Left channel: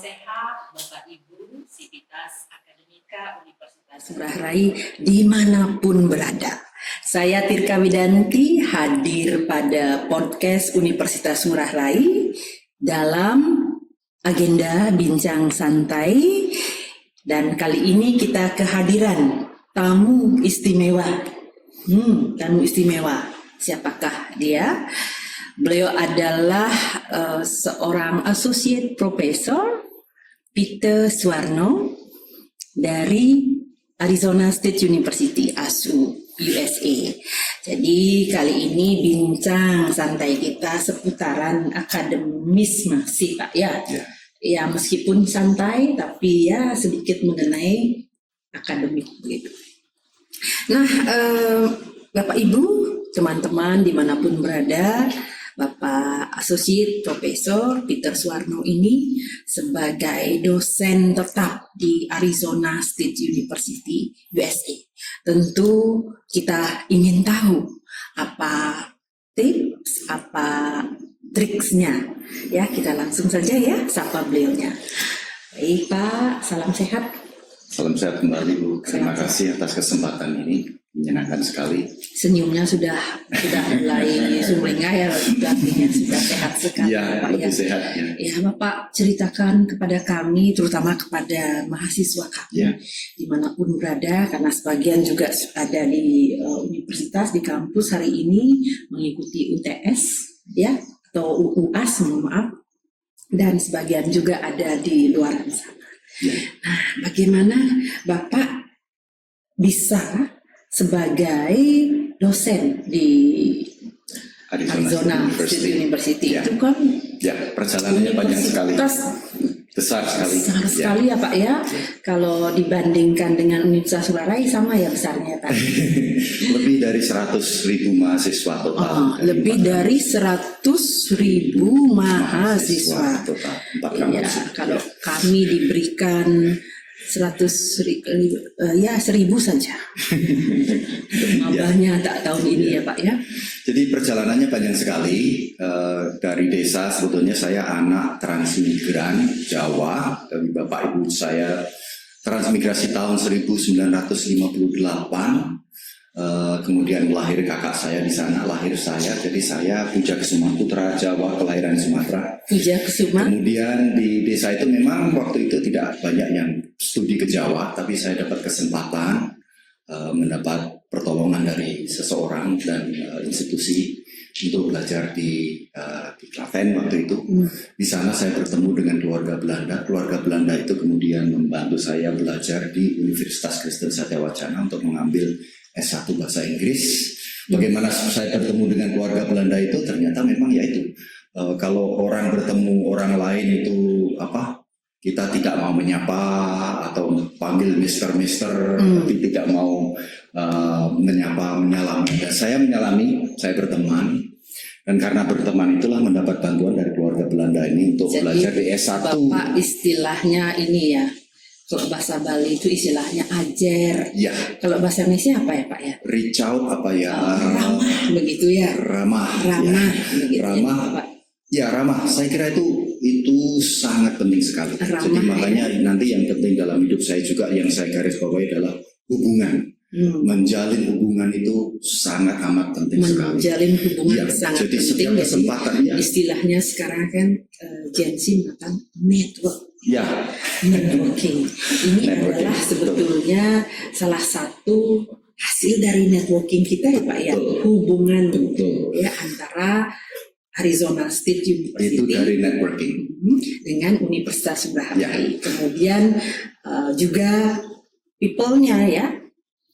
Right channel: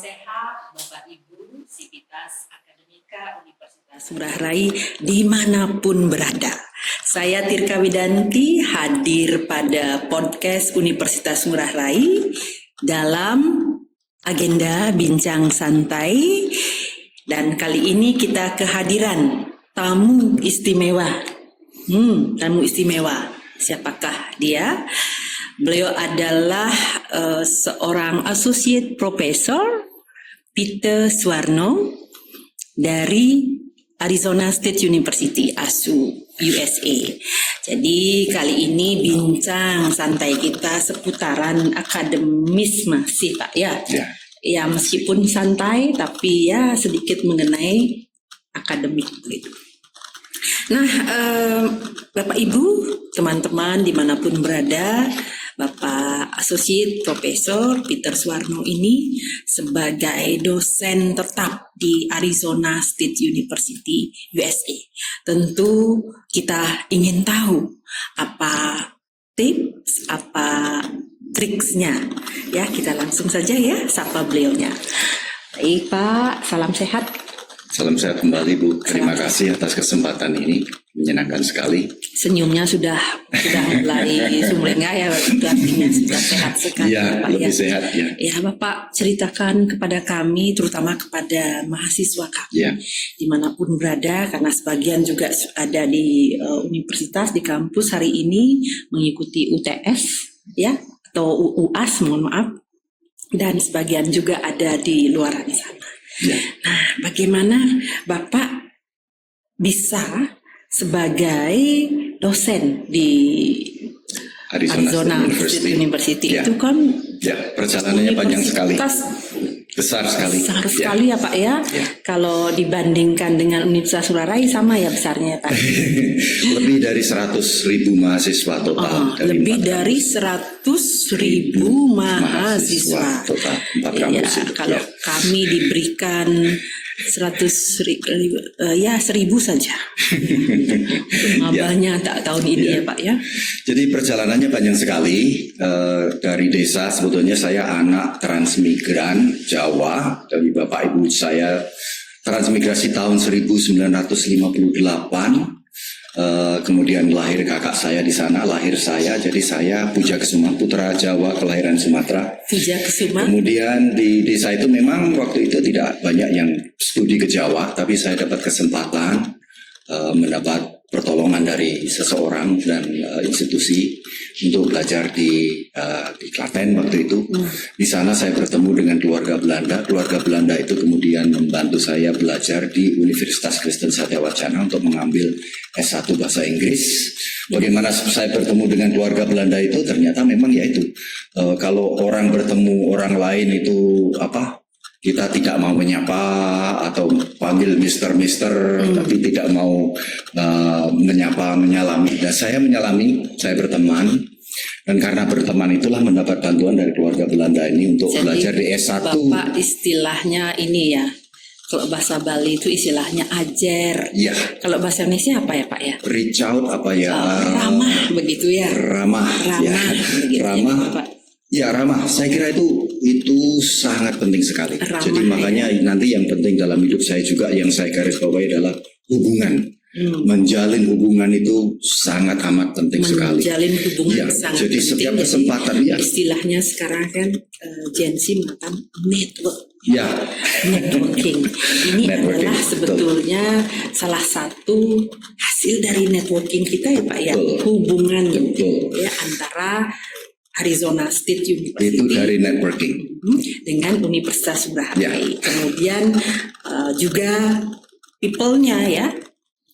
sehat Bapak Ibu Sivitas Akademika Universitas Ngurah Rai dimanapun berada. Saya Tirka Widanti hadir pada podcast Universitas Ngurah Rai dalam agenda Bincang Santai, dan kali ini kita kehadiran tamu istimewa. Tamu istimewa. Siapakah dia? Beliau adalah seorang Associate Professor Peter Suwarno dari Arizona State University, ASU, USA. Jadi kali ini bincang santai kita seputaran akademis masih Pak ya. Ya meskipun santai tapi ya sedikit mengenai akademik begitu. Nah, Bapak Ibu, teman-teman dimanapun berada, Bapak Associate Professor Peter Suwarno ini sebagai dosen tetap di Arizona State University, USA. Tentu kita ingin tahu apa tips, apa triksnya. Ya, kita langsung saja ya sapa beliaunya. Baik Pak, salam sehat. Salam sehat kembali Bu. Terima kasih atas kesempatan ini, menyenangkan sekali. Senyumnya sudah mulai sumringah ya, artinya sudah sehat sekali. Iya, Pak, lebih ya. sehat ya. Ya Bapak ceritakan kepada kami, terutama kepada mahasiswa kami dimanapun berada, karena sebagian juga ada di universitas, di kampus hari ini mengikuti UTS ya atau UAS, mohon maaf, dan sebagian juga ada di luar sana. Ya. Nah, bagaimana Bapak bisa sebagai dosen di Arizona State University ya. itu kan perjalanannya panjang sekali, besar sekali. Besar sekali ya Pak ya. Kalau dibandingkan dengan Universitas Ngurah Rai sama ya besarnya Pak. Lebih dari 100.000 mahasiswa total. Lebih dari 100.000 mahasiswa total. Ya, kalau kami diberikan 100.000 saja. Nambahnya tak tahun ini ya Pak ya. Jadi perjalanannya panjang sekali. Dari desa, sebetulnya saya anak transmigran Jawa. Dari bapak ibu saya transmigrasi tahun 1958. Kemudian lahir kakak saya di sana, lahir saya. Jadi saya Pujakusuma, putra Jawa kelahiran Sumatera. Pujakusuma. Kemudian di desa itu memang waktu itu tidak banyak yang studi ke Jawa, tapi saya dapat kesempatan mendapat pertolongan dari seseorang dan institusi untuk belajar di Klaten waktu itu. Di sana saya bertemu dengan keluarga Belanda. Keluarga Belanda itu kemudian membantu saya belajar di Universitas Kristen Satya Wacana untuk mengambil S1 bahasa Inggris. Bagaimana saya bertemu dengan keluarga Belanda itu, ternyata memang ya itu. Kalau orang bertemu orang lain itu kita tidak mau menyapa atau panggil Mister, tapi tidak mau menyapa, menyalami. Dan saya menyalami, saya berteman. Dan karena berteman itulah mendapat bantuan dari keluarga Belanda ini untuk belajar di S1. Bapak istilahnya ini ya, kalau bahasa Bali itu istilahnya ajer. Ya. Kalau bahasa Indonesia apa ya Pak ya? Reach out ramah begitu ya. Ramah. Begitu ramah. ya, Pak. Ya ramah, saya kira itu sangat penting sekali. Ramah, jadi makanya nanti yang penting dalam hidup saya juga yang saya garis bawahi adalah hubungan. Menjalin hubungan itu sangat amat penting sekali. Menjalin hubungan sangat jadi penting. Setiap kesempatan istilahnya sekarang kan Gen Z makan network. Ya. Networking. Ini adalah sebetulnya salah satu hasil dari networking kita ya Pak ya. Hubungan ya antara Arizona State University itu dari networking dengan Universitas Ngurah Rai. Ya. Kemudian juga people-nya ya.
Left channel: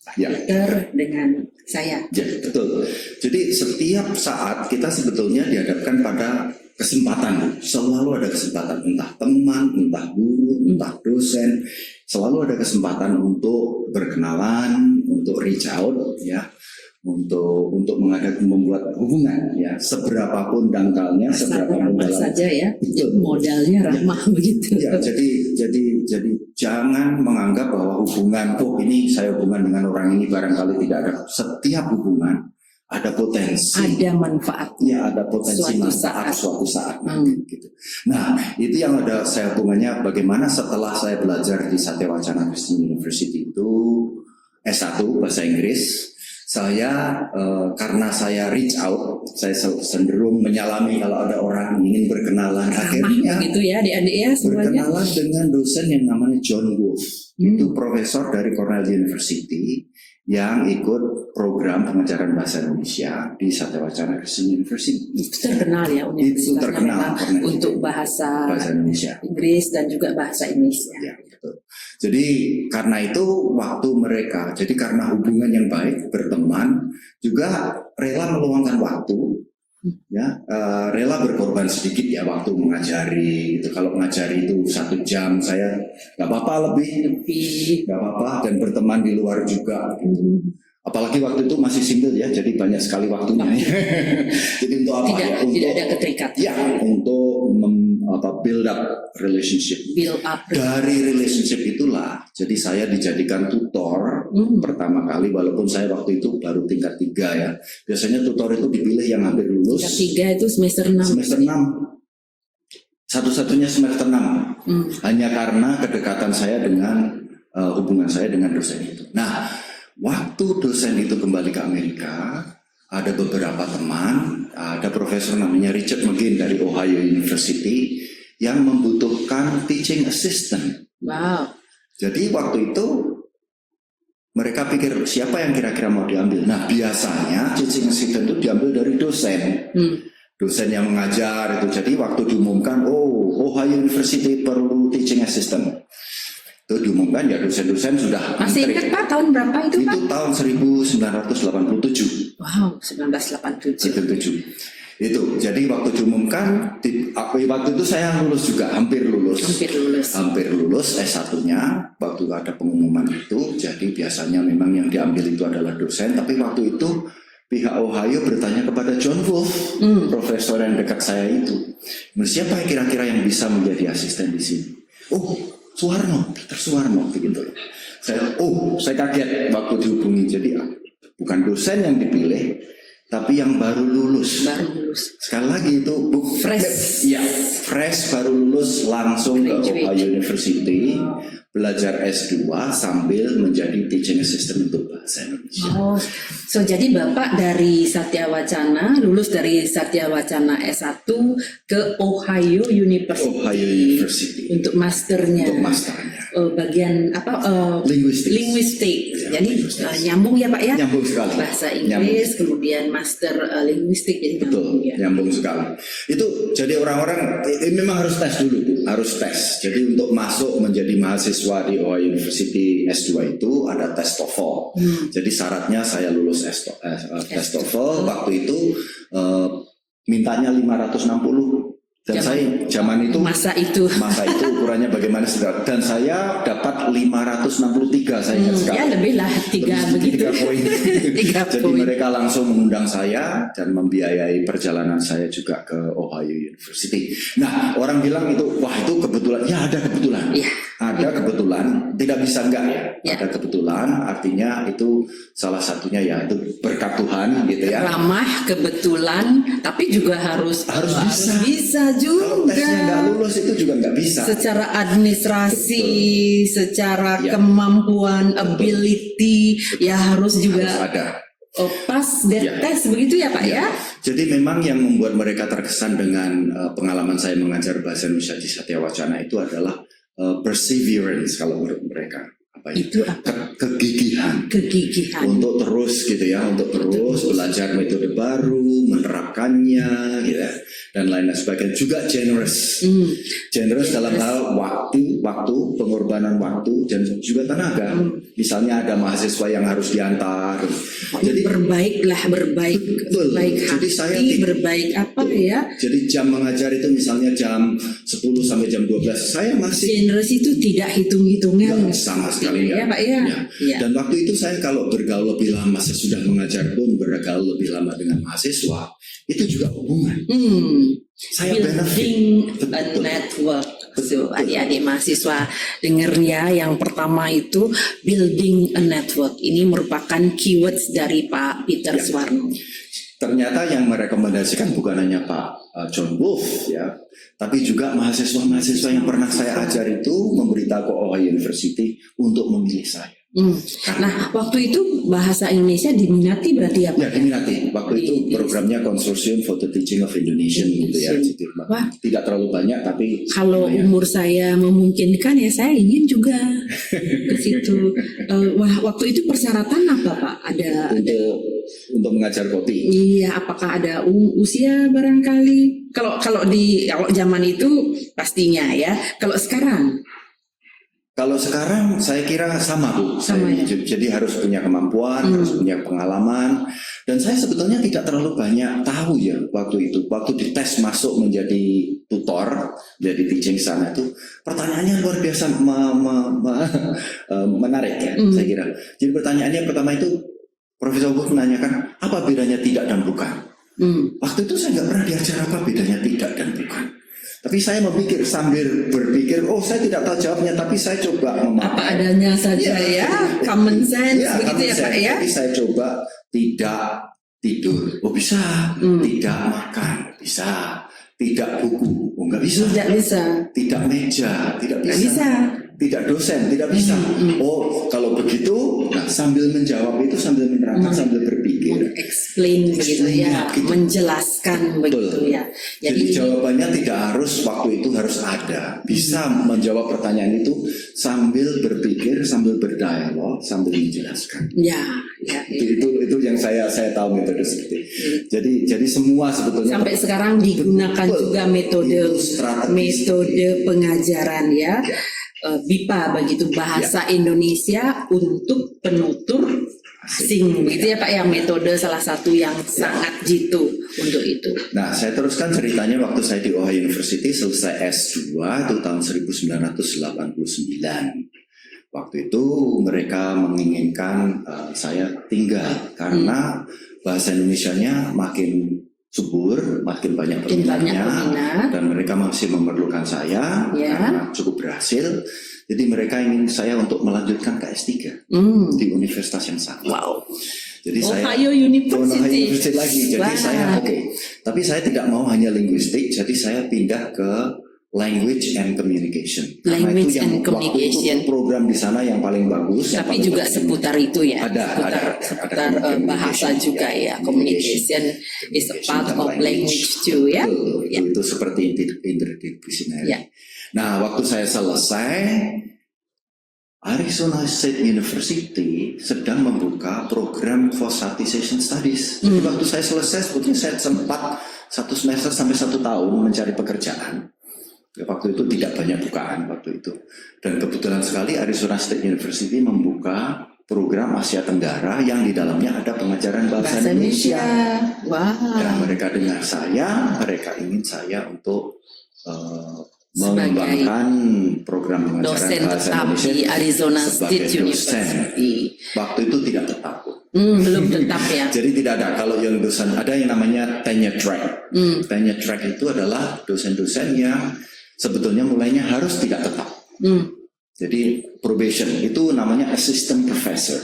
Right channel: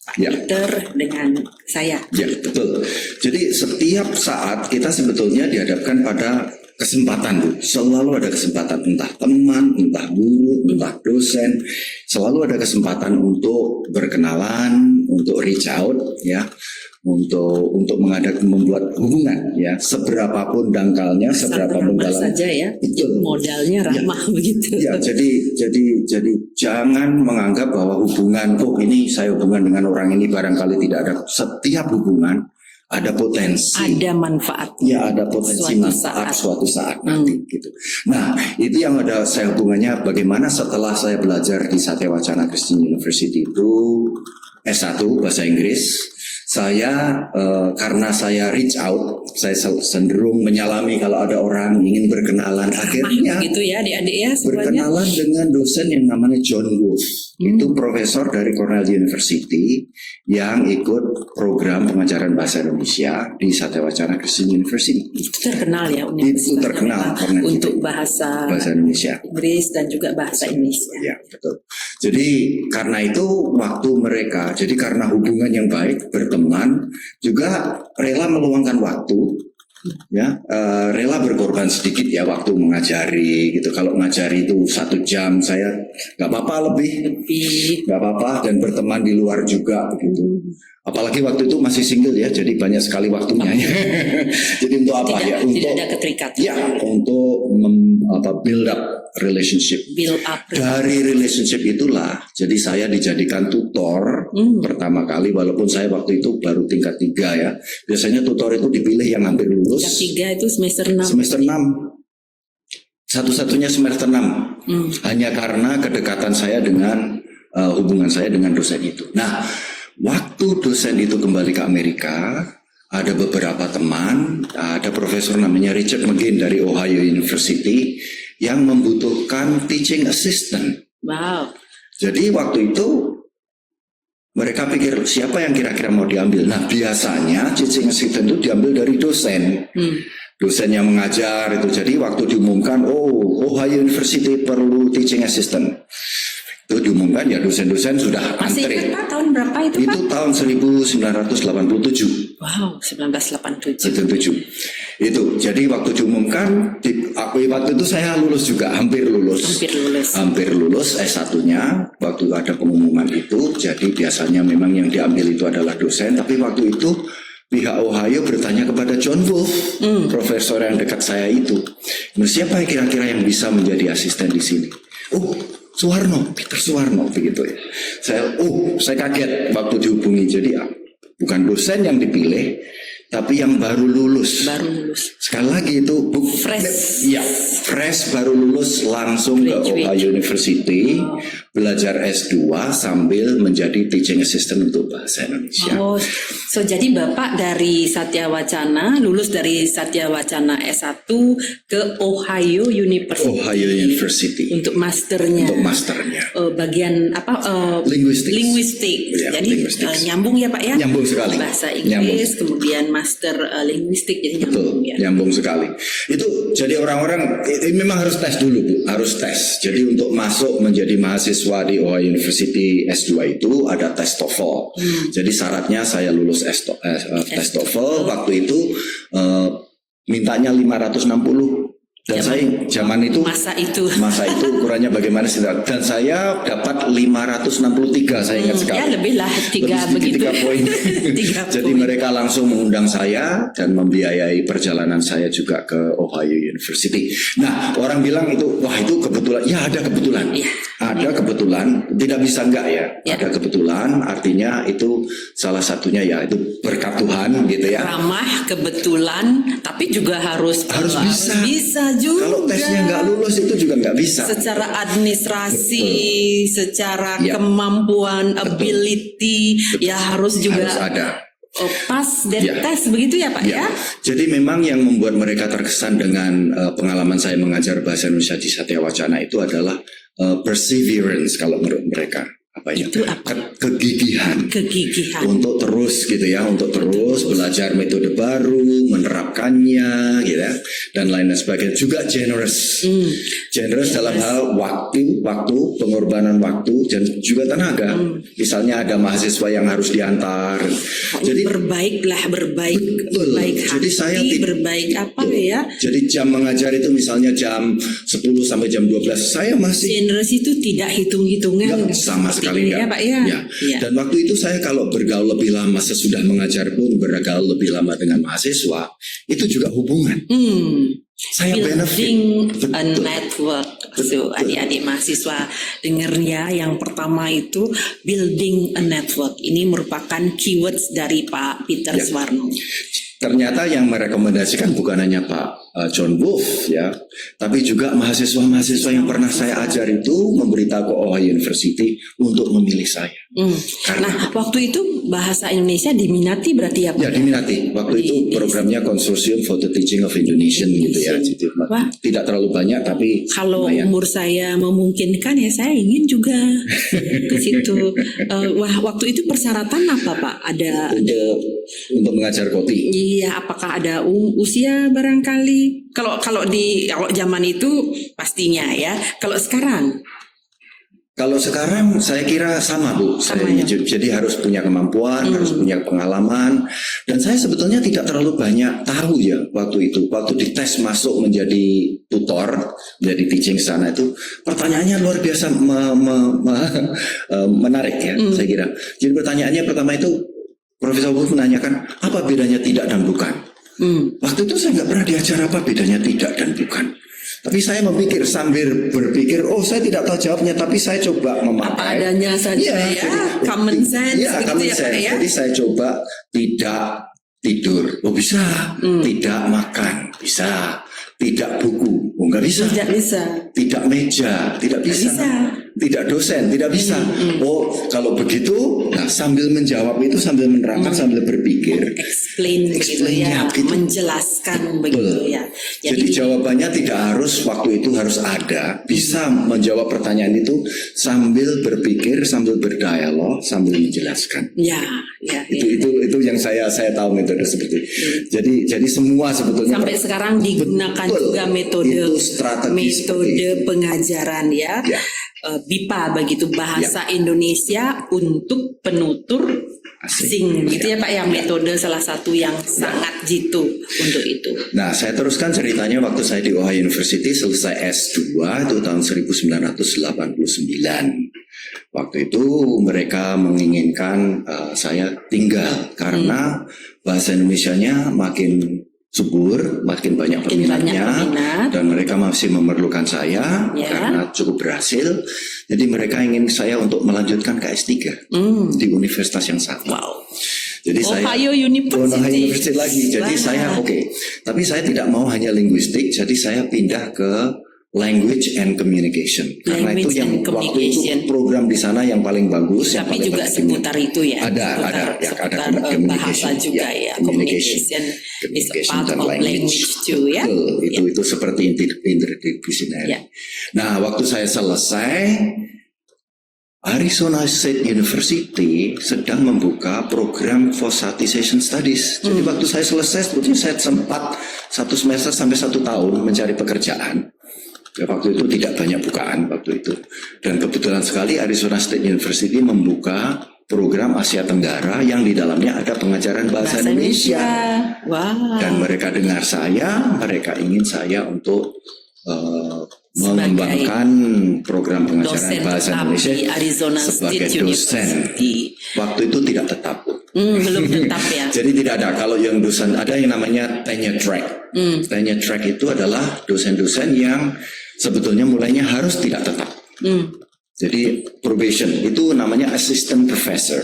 Pak Peter dengan saya. Ya, betul. Jadi setiap saat kita sebetulnya dihadapkan pada kesempatan. Selalu ada kesempatan, entah teman, entah guru, entah dosen. Selalu ada kesempatan untuk berkenalan, untuk reach out, ya, untuk membuat hubungan, ya, seberapapun dangkalnya, seberapapun dalam saja ya. Betul. Modalnya ramah begitu. Ya, jadi jangan menganggap bahwa hubungan ini saya hubungan dengan orang ini barangkali tidak ada. Setiap hubungan ada potensi, ada manfaatnya. ya ada potensi Suatu manfaat saat. suatu saat nanti gitu. Nah itu yang ada saya hubungannya bagaimana setelah saya belajar di Satya Wacana Christian University itu S1 bahasa Inggris. Saya karena saya reach out, saya cenderung menyalami kalau ada orang ingin berkenalan, akhirnya Gitu ya adik-adik ya semuanya. berkenalan dengan dosen yang namanya John Wolfe. Itu profesor dari Cornell University yang ikut program pengajaran bahasa Indonesia di Satya Wacana Christian University. Itu terkenal ya Itu terkenal karena untuk itu bahasa Indonesia. Inggris dan juga bahasa Indonesia. Ya, betul. Jadi karena itu waktu mereka, jadi karena hubungan yang baik, berteman, juga rela meluangkan waktu, ya, rela berkorban sedikit ya waktu mengajari gitu. Kalau mengajari itu 1 jam, saya nggak apa-apa lebih, nggak apa-apa, dan berteman di luar juga gitu. Apalagi waktu itu masih single ya, jadi banyak sekali waktunya. Jadi untuk apa ya? Tidak ada keterikatan. Ya, untuk build up relationship. Build up. Dari relationship itulah, jadi saya dijadikan tutor pertama kali, walaupun saya waktu itu baru tingkat 3 ya. Biasanya tutor itu dipilih yang hampir lulus. Tingkat 3 itu semester 6. Semester 6. Satu-satunya semester 6. Hanya karena kedekatan saya dengan hubungan saya dengan dosen itu. Nah, waktu dosen itu kembali ke Amerika, ada beberapa teman, ada profesor namanya Richard McGinn dari Ohio University yang membutuhkan teaching assistant. Wow. Jadi waktu itu mereka pikir siapa yang kira-kira mau diambil. Nah biasanya teaching assistant itu diambil dari dosen. Dosen yang mengajar itu. Jadi waktu diumumkan, Ohio University perlu teaching assistant, itu diumumkan ya dosen-dosen sudah Masih antri. ingat Pak tahun berapa itu Pak? Itu tahun 1987. Wow, 1987. 77. Itu jadi waktu diumumkan, waktu itu saya lulus juga, hampir lulus S1-nya. Waktu ada pengumuman itu, jadi biasanya memang yang diambil itu adalah dosen. Tapi waktu itu pihak Ohio bertanya kepada John Wolfe, profesor yang dekat saya itu, siapa kira-kira yang bisa menjadi asisten di sini? Suwarno, Peter Suwarno begitu ya. Saya kaget waktu dihubungi. Jadi bukan dosen yang dipilih, tapi yang baru lulus. Sekali lagi itu fresh baru lulus langsung ke Ohio University, belajar S2 sambil menjadi teaching assistant untuk bahasa Indonesia. Jadi Bapak dari Satya Wacana, lulus dari Satya Wacana S1 ke Ohio University. Untuk masternya. Bagian apa? Linguistik. Ya, jadi nyambung ya Pak ya? Nyambung sekali. Bahasa Inggris, kemudian master linguistik, jadi nyambung ya. Nyambung sekali. Itu jadi orang-orang ini memang harus tes dulu Bu, harus tes. Jadi untuk masuk menjadi mahasiswa di Ohio University S2 itu ada tes TOEFL. Jadi syaratnya saya lulus tes TOEFL. Waktu itu mintanya 560. Dan saya zaman itu masa itu ukurannya bagaimana sih? Dan saya dapat 563, saya ingat sekali. Ya lebih lah 3 poin. Jadi mereka langsung mengundang saya dan membiayai perjalanan saya juga ke Ohio University. Nah orang bilang itu kebetulan. Ya ada kebetulan. Ada kebetulan, tidak bisa enggak ya. Ada kebetulan, artinya itu salah satunya ya itu berkat Tuhan gitu ya. Ramah, kebetulan, tapi juga harus bisa juga. Kalau tesnya nggak lulus itu juga nggak bisa. Secara administrasi, secara kemampuan, ability, ya harus juga ada. Pas dan tes begitu ya Pak ya. Jadi memang yang membuat mereka terkesan dengan pengalaman saya mengajar bahasa Indonesia di Satya Wacana itu adalah perseverance kalau menurut mereka. Itu kegigihan untuk terus gitu ya, untuk terus belajar metode baru, menerapkannya gitu ya, dan lain sebagainya. Juga generous dalam hal waktu, pengorbanan waktu dan juga tenaga. Misalnya ada mahasiswa yang harus diantar, jadi berbaik hati, jadi saya berbaik apa ya. Jadi jam mengajar itu misalnya jam 10 sampai jam 12, saya masih generous itu tidak hitung-hitungan sama sekali. paling ya, nggak. Pak, ya. Ya. Ya. Dan waktu itu saya kalau bergaul lebih lama, sesudah mengajar pun bergaul lebih lama dengan mahasiswa, itu juga hubungan. Saya Building benefit. a network. So, adik-adik mahasiswa dengar ya, yang pertama itu building a network. Ini merupakan keywords dari Pak Peter Ya. Suwarno. Ternyata yang merekomendasikan bukan hanya Pak John Wolf ya, tapi juga mahasiswa-mahasiswa yang pernah saya ajar itu memberitahu ke Ohio University untuk memilih saya. Karena Nah, waktu itu bahasa Indonesia diminati berarti ya Pak? ya diminati. Waktu itu programnya Consortium for the Teaching of Indonesian gitu ya. Jadi, Wah. tidak terlalu banyak tapi Kalau lumayan. umur saya memungkinkan ya saya ingin juga ke situ. Wah, waktu itu persyaratan apa Pak? Ada untuk mengajar koti. Iya, apakah ada usia barangkali? Kalau zaman itu pastinya ya. Kalau sekarang? Kalau sekarang saya kira sama Bu. Jadi harus punya kemampuan, harus punya pengalaman. Dan saya sebetulnya tidak terlalu banyak tahu ya waktu itu. Waktu dites masuk menjadi tutor, jadi teaching sana itu pertanyaannya luar biasa menarik ya saya kira. Jadi pertanyaannya pertama itu Profesor Wolf menanyakan apa bedanya tidak dan bukan. Waktu itu saya nggak pernah diajar apa bedanya tidak dan bukan. Tapi saya memikir sambil berpikir, oh saya tidak tahu jawabnya, tapi saya coba memakai. Apa adanya saja ya, common sense. Ya, gitu common ya, Pak, sense. ya? Jadi saya coba tidak tidur, oh bisa. Tidak makan, bisa. Tidak buku, oh nggak bisa. Tidak bisa. Tidak meja, tidak bisa. Tidak dosen, tidak bisa. Oh kalau begitu, nah, sambil menjawab itu sambil menerangkan, sambil berpikir. Explain begitu ya, gitu. menjelaskan begitu ya. Jadi jawabannya tidak harus waktu itu harus ada, bisa menjawab pertanyaan itu sambil berpikir, sambil berdialog, sambil menjelaskan. Ya. Itu yang saya tahu metode seperti itu. Jadi semua sebetulnya sampai sekarang digunakan juga metode pengajaran ya. BIPA begitu, bahasa Indonesia untuk penutur asing gitu ya Pak, yang metode salah satu yang sangat jitu untuk itu. Nah saya teruskan ceritanya waktu saya di Ohio University selesai S2 itu tahun 1989. Waktu itu mereka menginginkan saya tinggal karena bahasa Indonesianya makin subur, makin banyak peminatnya, dan mereka masih memerlukan saya karena cukup berhasil. Jadi mereka ingin saya untuk melanjutkan ke S3 di universitas yang sama. Wow. Jadi Ohio University lagi. Jadi saya tapi saya tidak mau hanya linguistik, jadi saya pindah ke Language and Communication. Karena itu yang waktu itu program di sana yang paling bagus. Tapi yang juga seputar itu ya. Ada bahasa juga ya. Communication is a part of language too ya. Itu seperti interdisipliner. Nah, waktu saya selesai, Arizona State University sedang membuka program Fosfatization Studies. Jadi waktu saya selesai, itu saya sempat 1 semester sampai 1 tahun mencari pekerjaan. Ya, waktu itu tidak banyak bukaan waktu itu. Dan kebetulan sekali Arizona State University membuka program Asia Tenggara yang di dalamnya ada pengajaran bahasa Indonesia. Wow. Dan mereka dengar saya, mereka ingin saya untuk mengembangkan program pengajaran bahasa Indonesia sebagai dosen. Waktu itu tidak tetap. Belum tetap ya. Jadi tidak ada. Kalau yang dosen ada yang namanya tenure track. Tenure track itu adalah dosen-dosen yang sebetulnya mulainya harus tidak tetap. Jadi probation itu namanya assistant professor.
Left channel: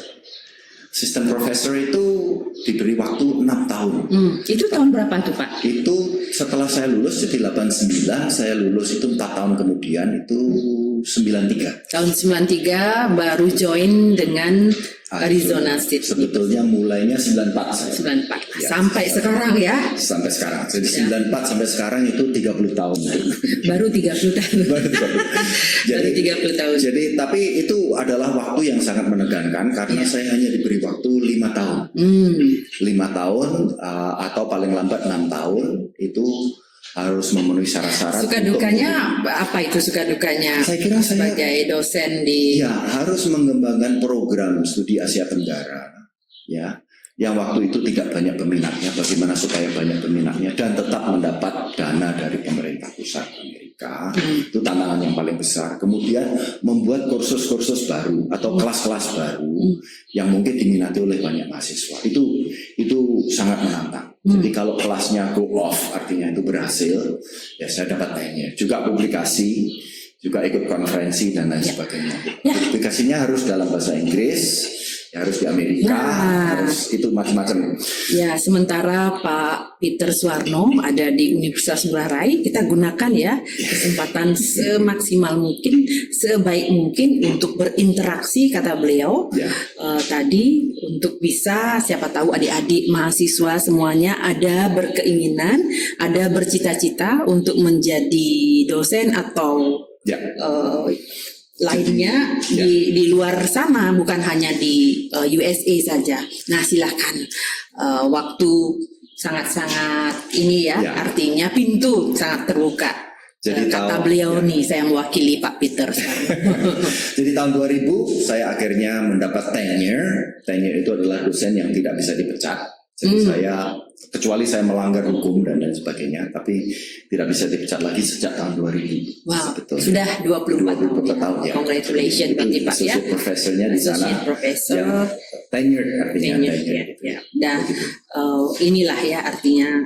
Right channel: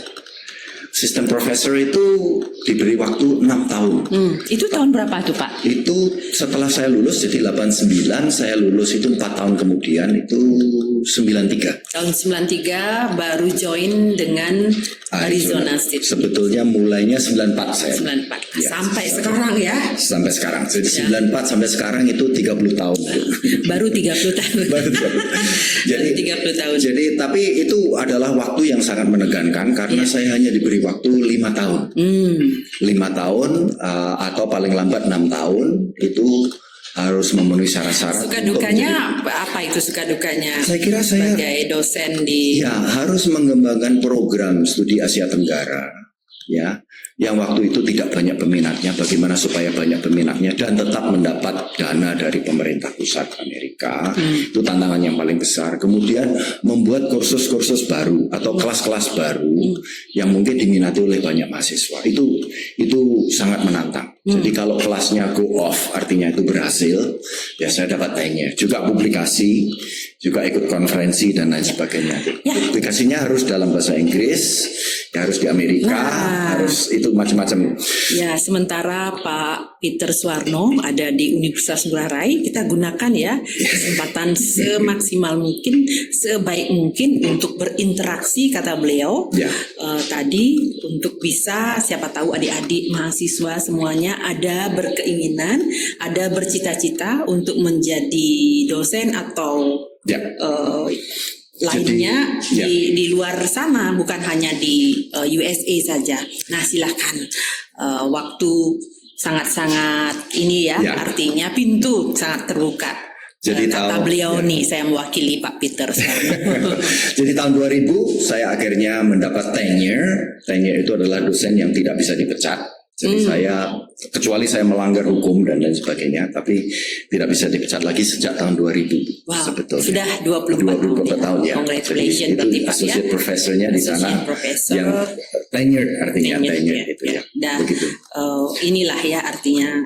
Assistant professor itu diberi waktu 6 tahun. Itu tahun berapa tuh Pak? Itu setelah saya lulus, jadi 89, saya lulus itu 4 tahun kemudian, itu 93. Tahun 93 baru join dengan Arizona State. Sebetulnya mulainya 94 saya. 94. Ya, sampai sekarang ya? Sampai sekarang. Jadi 94 sampai sekarang itu 30 tahun. Baru 30 tahun. Jadi 30 tahun. Jadi tapi itu adalah waktu yang sangat menegangkan karena saya hanya diberi waktu 5 tahun. 5 tahun atau paling lambat 6 tahun itu harus memenuhi syarat-syarat. Suka dukanya apa itu suka dukanya? Saya kira saya sebagai dosen di harus mengembangkan program studi Asia Tenggara ya, yang waktu itu tidak banyak peminatnya. Bagaimana supaya banyak peminatnya dan tetap mendapat dana dari pemerintah. pemerintah pusat Amerika. Itu tantangan yang paling besar. Kemudian membuat kursus-kursus baru atau kelas-kelas baru yang mungkin diminati oleh banyak mahasiswa. Itu sangat menantang. Jadi kalau kelasnya go off, artinya itu berhasil, ya saya dapat tenure. Juga publikasi, juga ikut konferensi dan lain sebagainya. Publikasinya harus dalam bahasa Inggris, ya harus di Amerika, harus itu macam-macam. Ya, sementara Pak Peter Suwarno ada di Universitas Ngurah Rai, kita gunakan ya kesempatan semaksimal mungkin, sebaik mungkin untuk berinteraksi, kata beliau tadi, untuk bisa, siapa tahu adik-adik mahasiswa semuanya ada berkeinginan, ada bercita-cita untuk menjadi dosen atau lainnya di luar sana, bukan hanya di USA saja. Nah, silakan, waktu sangat-sangat ini ya, artinya pintu sangat terbuka. Jadi kata beliau nih, saya mewakili Pak Peter. Jadi tahun 2000 saya akhirnya mendapat tenure. Tenure itu adalah dosen yang tidak bisa dipecat. Jadi saya, kecuali saya melanggar hukum dan lain sebagainya, tapi tidak bisa dipecat lagi sejak tahun 2000. Wow, sebetulnya. Sudah 24 tahun ya. Congratulations Jadi itu associate professornya di sana, yang tenure artinya tenure itu ya. Dan inilah ya artinya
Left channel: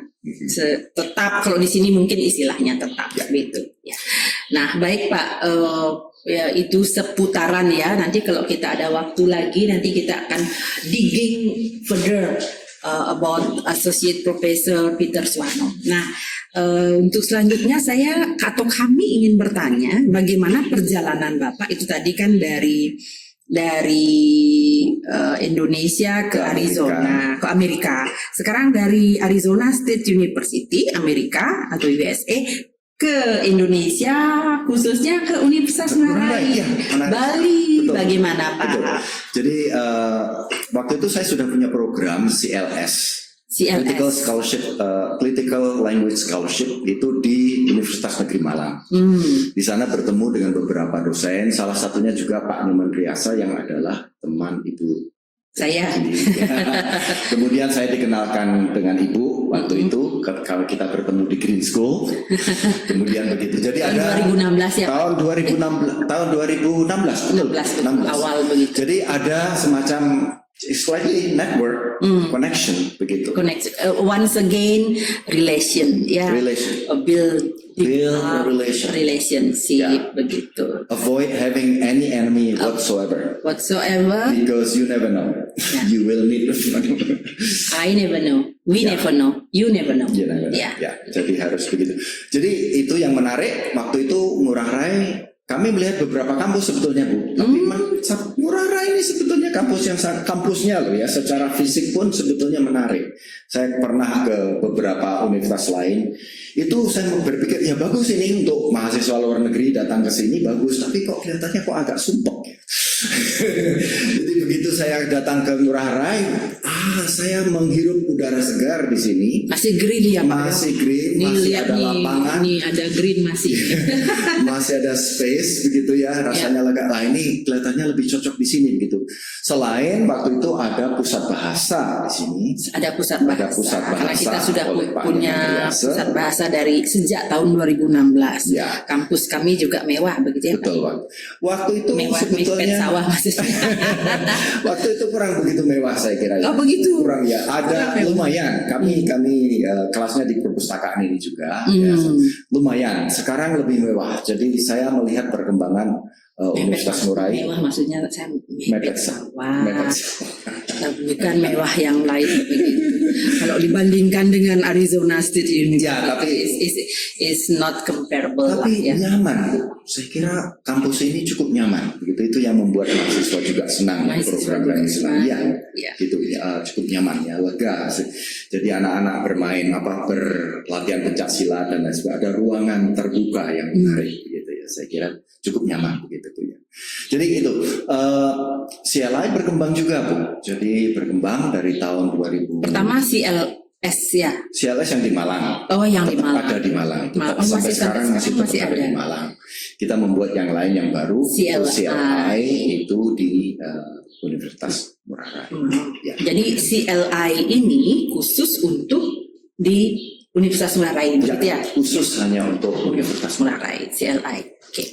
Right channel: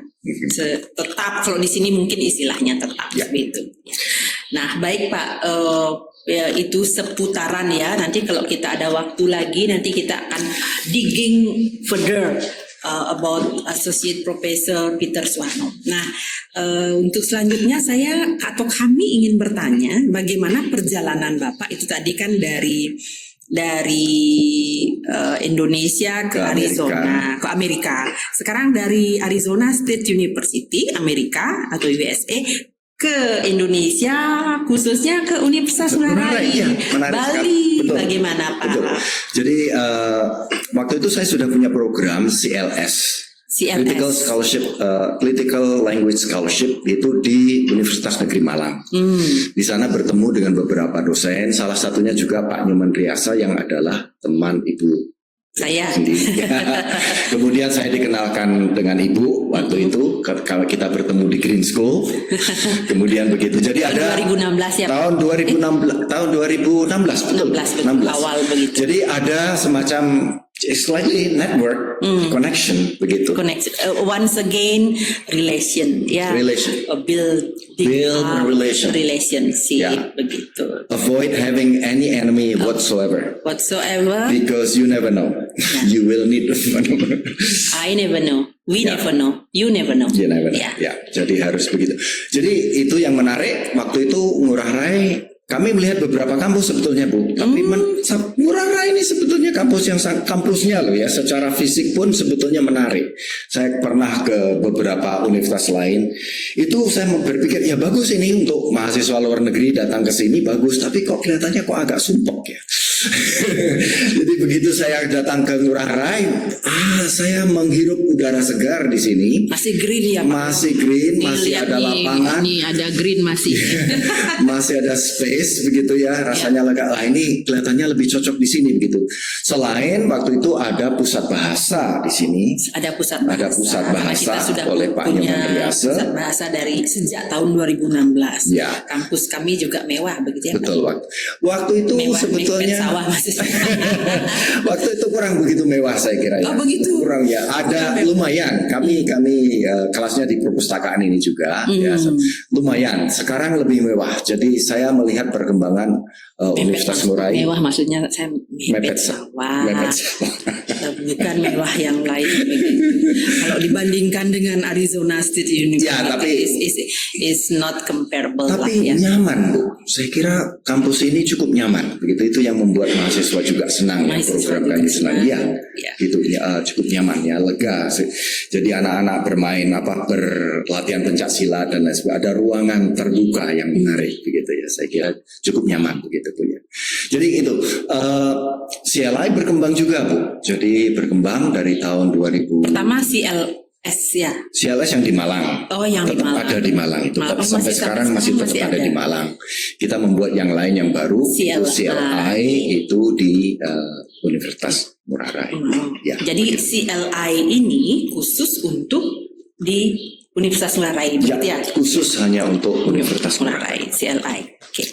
tetap, kalau di sini mungkin istilahnya tetap begitu. Ya. Nah, baik Pak. Ya, itu seputaran ya. Nanti kalau kita ada waktu lagi, nanti kita akan digging further about Associate Professor Peter Suwarno. Nah, untuk selanjutnya saya atau kami ingin bertanya bagaimana perjalanan Bapak itu tadi kan dari Indonesia ke Arizona, ke Amerika. Sekarang dari Arizona State University Amerika atau USA ke Indonesia, khususnya ke Universitas Ngurah Rai, Bali. Bagaimana Pak? Betul. Jadi waktu itu saya sudah punya program CLS. Critical Scholarship, Critical Language Scholarship itu di Universitas Negeri Malang. Di sana bertemu dengan beberapa dosen, salah satunya juga Pak Nyoman Riasa yang adalah teman Ibu saya. Kemudian saya dikenalkan dengan Ibu waktu itu kalau kita bertemu di Green School. Kemudian begitu. Jadi ada 2016 ya. Tahun 2016 betul. 16. Awal begitu. Jadi ada semacam slightly network connection begitu. Once again relation ya. Build relationship begitu. Avoid having any enemy whatsoever. Because you never know. You will need to know. I never know. We never know. You never know. You never know. Ya, jadi harus begitu. Jadi itu yang menarik waktu itu Ngurah Rai. Kami melihat beberapa kampus sebetulnya Bu, tapi Ngurah Rai ini sebetulnya kampus yang kampusnya loh ya, secara fisik pun sebetulnya menarik. Saya pernah ke beberapa universitas lain, itu saya berpikir ya bagus ini untuk mahasiswa luar negeri datang ke sini bagus, tapi kok kelihatannya kok agak sumpek ya. Jadi begitu saya datang ke Ngurah Rai, saya menghirup udara segar di sini. Masih green ya, masih green, masih ada lapangan. Ini ada green masih. Masih ada space begitu ya, rasanya lega. Ini kelihatannya lebih cocok di sini begitu. Selain waktu itu ada pusat bahasa di sini. Ada pusat bahasa. Ada pusat bahasa kita sudah oleh Pak punya pusat bahasa dari sejak tahun 2016. Ya. Kampus kami juga mewah begitu ya. Betul. Waktu itu mewah, sebetulnya waktu itu kurang begitu mewah saya kira ya. Oh begitu. Kurang ya. Ada lumayan. Kami kelasnya di perpustakaan ini juga. Ya, lumayan. Sekarang lebih mewah. Jadi saya melihat perkembangan Universitas Ngurah Rai. Mewah maksudnya saya mepet sawah. Bukan mewah yang lain begitu. Kalau dibandingkan dengan Arizona State University, ya, tapi is not comparable. Tapi nyaman Bu. Saya kira kampus ini cukup nyaman. Begitu itu yang membuat mahasiswa juga senang program kami senang. Iya, gitu ya, cukup nyaman ya, lega. Jadi anak-anak bermain berlatihan pencak silat dan lain sebagainya. Ada ruangan terbuka yang menarik begitu ya. Saya kira cukup nyaman begitu Bu ya. Jadi itu CLI berkembang juga Bu. Jadi berkembang dari tahun 2000. Pertama CLS ya. CLS yang di Malang. Oh, yang tetap di Malang. ada di Malang itu. Sampai sekarang masih tetap ada di Malang. Kita membuat yang lain yang baru. CLI itu di Universitas Ngurah Rai. Ya. Jadi CLI ini khusus untuk di Universitas Ngurah Rai, begitu ya? Khusus hanya untuk Universitas Ngurah Rai, CLI. Oke.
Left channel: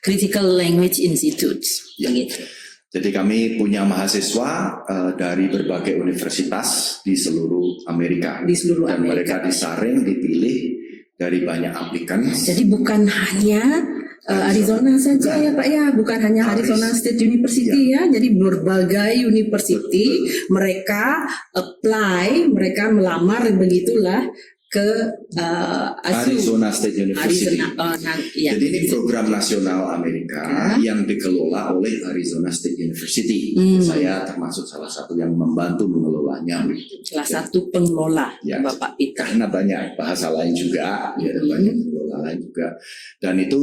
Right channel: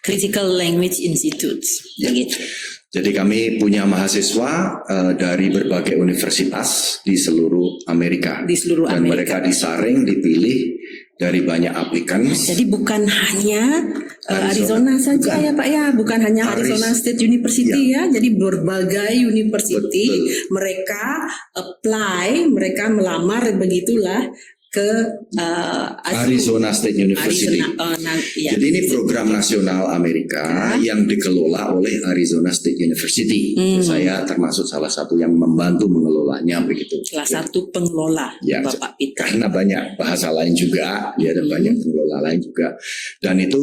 Critical Language Institute, begitu. Jadi kami punya mahasiswa dari berbagai universitas di seluruh Amerika. Di seluruh dan Amerika. mereka disaring, dipilih dari banyak aplikan. Jadi bukan hanya Arizona saja ya Pak ya, bukan hanya Arizona State University ya. Jadi berbagai university mereka apply, mereka melamar begitulah ke Arizona State University. Ya. Jadi ini program nasional Amerika yang dikelola oleh Arizona State University. Saya termasuk salah satu yang membantu mengelolanya begitu. Salah satu pengelola ya, Bapak Peter. Karena banyak bahasa lain juga, ya, dan banyak pengelola lain juga. Dan itu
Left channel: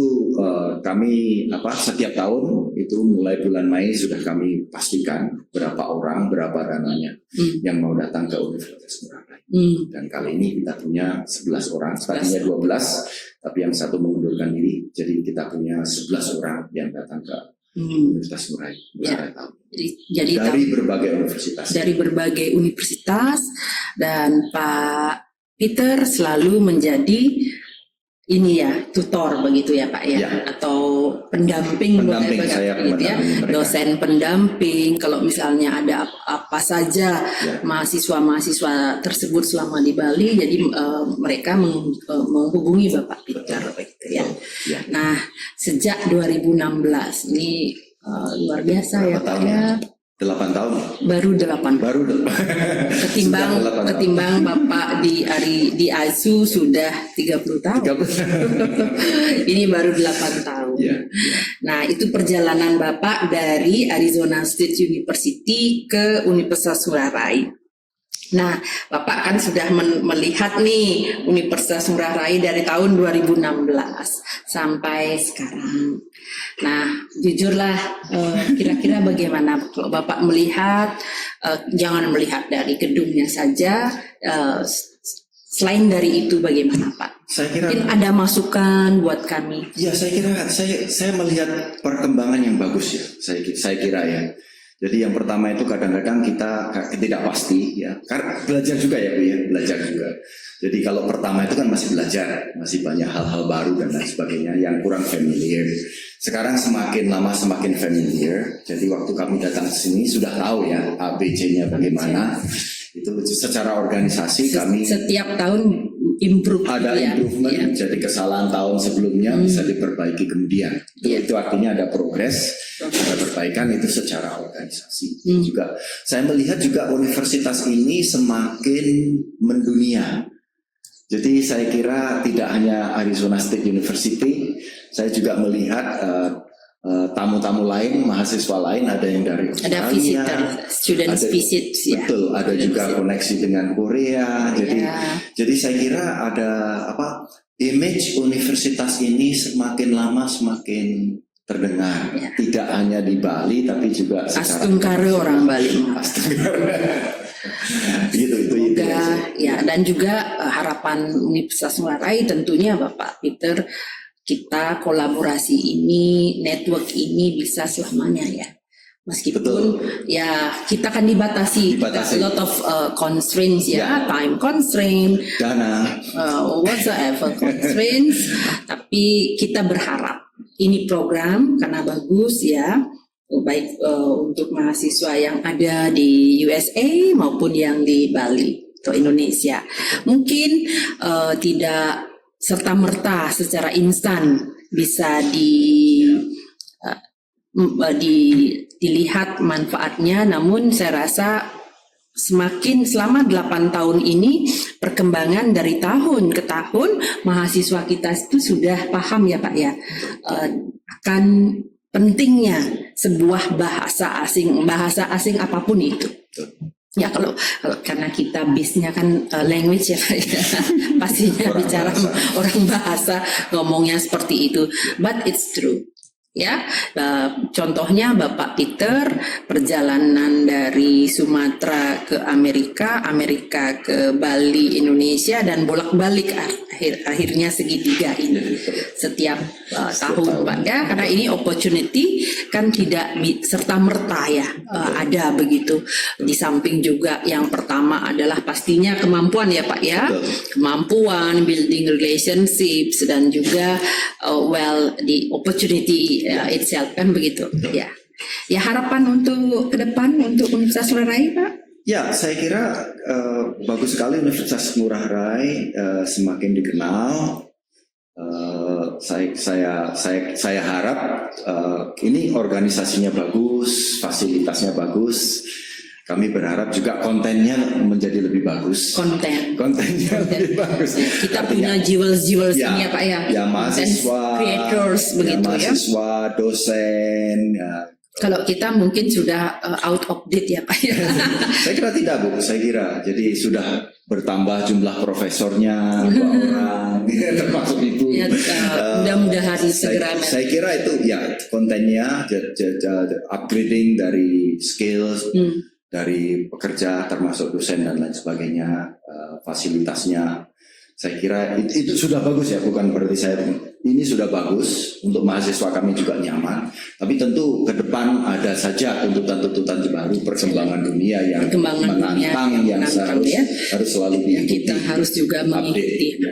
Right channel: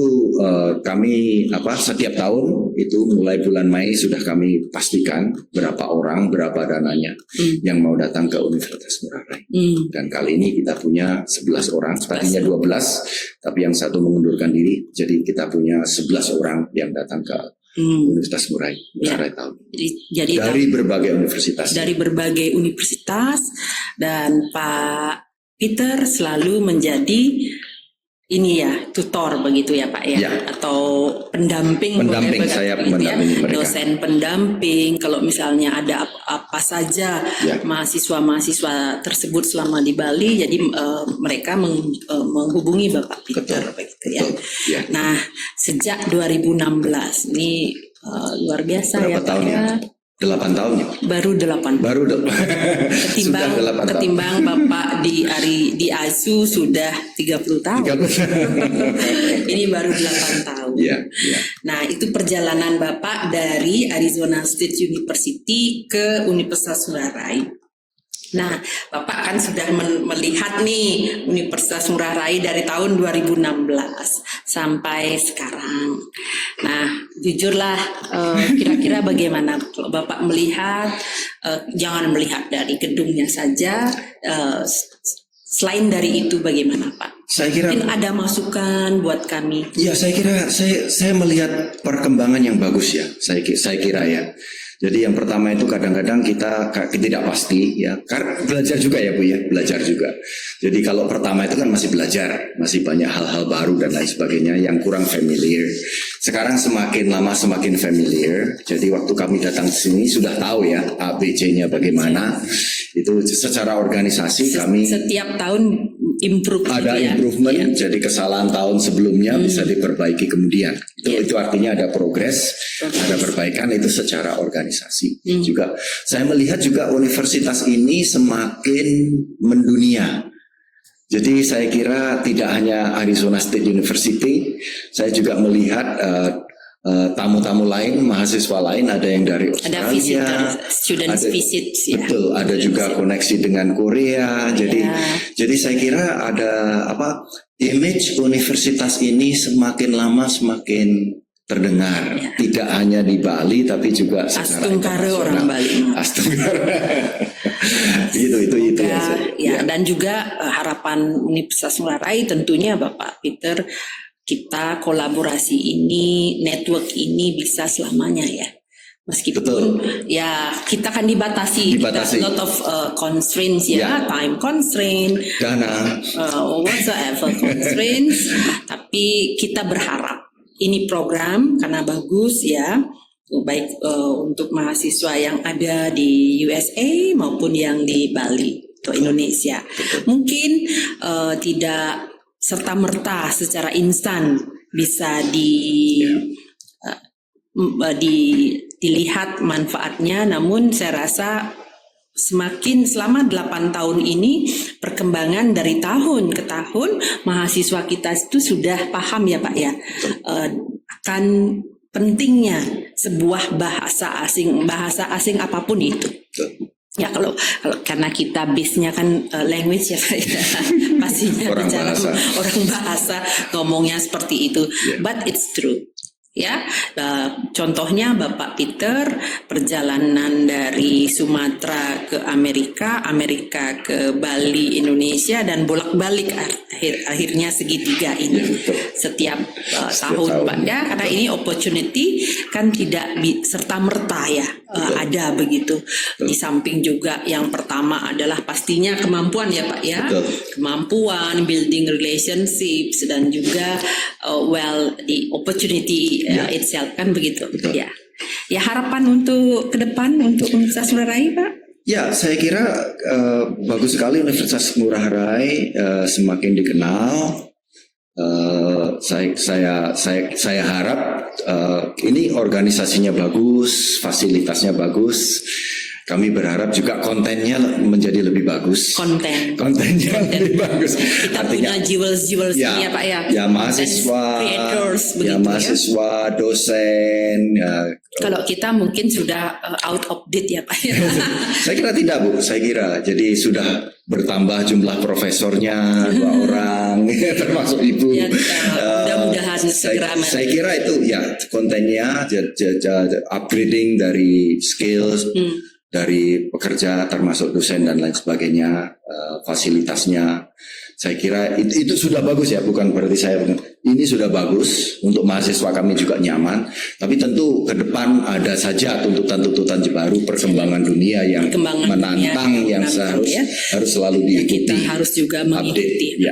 kami setiap tahun itu mulai bulan Mei sudah kami pastikan berapa orang, berapa dananya yang mau datang ke Universitas Ngurah Rai. Dan kali ini kita punya 11 orang, tadinya 12, tapi yang satu mengundurkan diri, jadi kita punya 11 orang yang datang ke Universitas Ngurah Rai tahun. Jadi dari berbagai universitas. Dari berbagai universitas, dan Pak Peter selalu menjadi ini ya, tutor begitu ya Pak ya, atau pendamping saya gitu ya, dosen pendamping. Kalau misalnya ada apa saja mahasiswa tersebut selama di Bali, jadi mereka menghubungi Bapak Peter begitu ya. Nah, sejak 2016 ini luar biasa ya Pak ya. 8 tahun ya? Baru 8. Ketimbang Bapak di ASU sudah 30 tahun. Ini baru 8 tahun. Nah, itu perjalanan Bapak dari Arizona State University ke Universitas Ngurah Rai. Nah, Bapak kan sudah melihat nih Universitas Ngurah Rai dari tahun 2016 sampai sekarang. Nah, jujurlah, kira-kira bagaimana kalau Bapak melihat, jangan melihat dari gedungnya saja, selain dari itu bagaimana Pak? Saya kira mungkin ada masukan buat kami. Ya, saya kira saya melihat perkembangan yang bagus ya. Saya kira ya. Jadi yang pertama itu kadang-kadang kita tidak pasti ya, karena belajar juga ya Bu ya, belajar juga. Jadi kalau pertama itu kan masih belajar, masih banyak hal-hal baru dan lain sebagainya yang kurang familiar. Sekarang semakin lama semakin familiar. Jadi waktu kami datang ke sini sudah tahu ya ABC-nya bagaimana. Itu secara organisasi kami setiap tahun improve ada improvement, jadi kesalahan tahun sebelumnya bisa diperbaiki kemudian. Itu artinya ada progres, ada perbaikan itu secara organisasi. Juga saya melihat juga universitas ini semakin mendunia. Jadi saya kira tidak hanya Arizona State University, saya juga melihat tamu-tamu lain, mahasiswa lain, ada yang dari Australia, ada visit, students visit, betul, ada juga koneksi dengan Korea. Jadi saya kira ada image universitas ini semakin lama semakin terdengar, tidak hanya di Bali tapi juga secara Astungkara orang Bali. itu ya. Dan juga harapan Universitas Ngurah Rai tentunya Bapak Peter, kita kolaborasi ini, network ini bisa selamanya ya. Meskipun ya kita kan dibatasi. A lot of constraints ya, time constraint, dana, whatsoever constraints. Tapi kita berharap ini program karena bagus ya, baik untuk mahasiswa yang ada di USA maupun yang di Bali atau Indonesia. Mungkin tidak serta-merta secara instan bisa dilihat manfaatnya, namun saya rasa selama 8 tahun ini perkembangan dari tahun ke tahun mahasiswa kita itu sudah paham ya Pak ya, akan pentingnya sebuah bahasa asing apapun itu. Ya kalau karena kita base-nya kan language ya, pastinya orang bahasa ngomongnya seperti itu. But it's true. Ya, contohnya Bapak Peter perjalanan dari Sumatera ke Amerika, Amerika ke Bali, Indonesia, dan bolak-balik akhirnya segitiga ini setiap tahun Pak ya, karena ini opportunity kan tidak serta merta ya ada begitu. Di samping juga yang pertama adalah pastinya kemampuan ya Pak ya, kemampuan building relationships dan juga the opportunity itself kan begitu. Ya. Ya, harapan untuk ke depan untuk Universitas Ngurah Rai Pak? Ya, saya kira bagus sekali Universitas Ngurah Rai semakin dikenal. Saya harap ini organisasinya bagus, fasilitasnya bagus. Kami berharap juga kontennya menjadi lebih bagus. Kontennya lebih bagus. Kita punya jewels ya Pak ya. Ya mahasiswa, creators ya mahasiswa, dosen. Ya. Kalau kita mungkin sudah out of date ya Pak ya. Saya kira tidak Bu. Saya kira jadi sudah bertambah jumlah profesornya 2 orang, termasuk Ibu. Ya, mudah-mudahan segera. Saya kira itu ya kontennya, upgrading dari skills. Dari pekerja termasuk dosen dan lain sebagainya, fasilitasnya saya kira itu sudah bagus ya, bukan berarti ini sudah bagus untuk mahasiswa kami juga nyaman, tapi tentu ke depan ada saja tuntutan-tuntutan baru, perkembangan dunia yang menantang yang harus selalu diikuti. Kita harus juga mengikuti. Ya.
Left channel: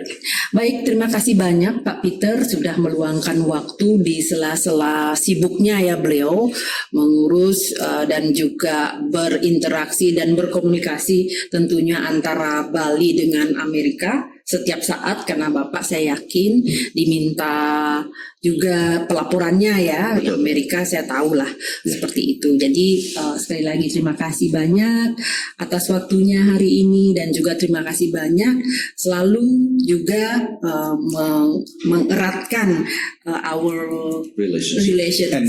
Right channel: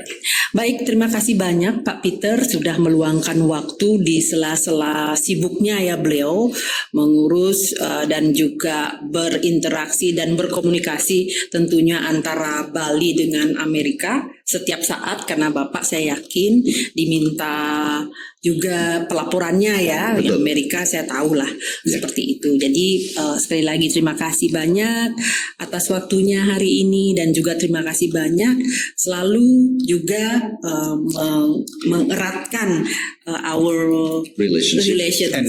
Baik, terima kasih banyak Pak Peter sudah meluangkan waktu di sela-sela sibuknya ya beliau mengurus dan juga berinteraksi dan berkomunikasi tentunya antara Bali dengan Amerika setiap saat, karena Bapak saya yakin diminta juga pelaporannya ya. Di Amerika saya tahu lah seperti itu. Jadi sekali lagi terima kasih banyak atas waktunya hari ini, dan juga terima kasih banyak selalu juga mengeratkan our relationship and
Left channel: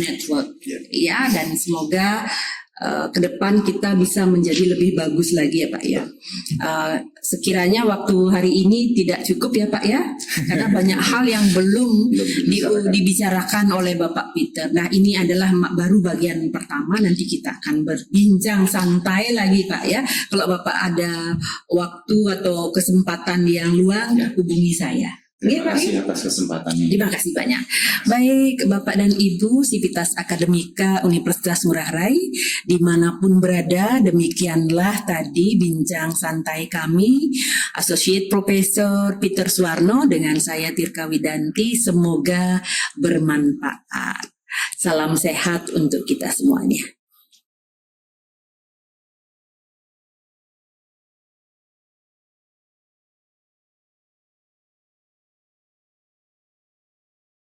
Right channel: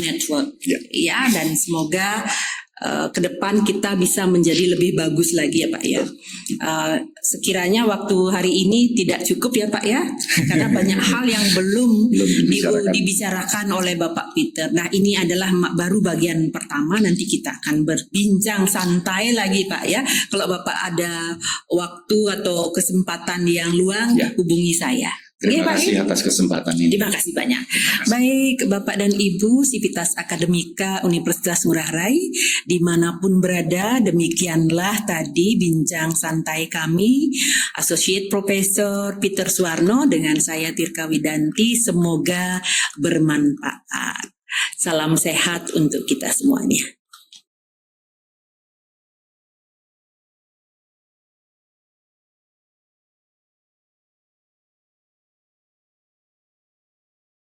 network. Ya, dan semoga ke depan kita bisa menjadi lebih bagus lagi ya Pak ya. Sekiranya waktu hari ini tidak cukup ya Pak ya, karena banyak hal yang belum dibicarakan oleh Bapak Peter. Nah, ini adalah baru bagian pertama, nanti kita akan berbincang santai lagi Pak ya. Kalau Bapak ada waktu atau kesempatan yang luang, hubungi saya. Terima kasih atas kesempatan ini. Terima kasih banyak. Baik Bapak dan Ibu Sivitas Akademika Universitas Ngurah Rai, dimanapun berada, demikianlah tadi bincang santai kami Associate Profesor Peter Suwarno dengan saya Tirka Widanti. Semoga bermanfaat. Salam sehat untuk kita semuanya.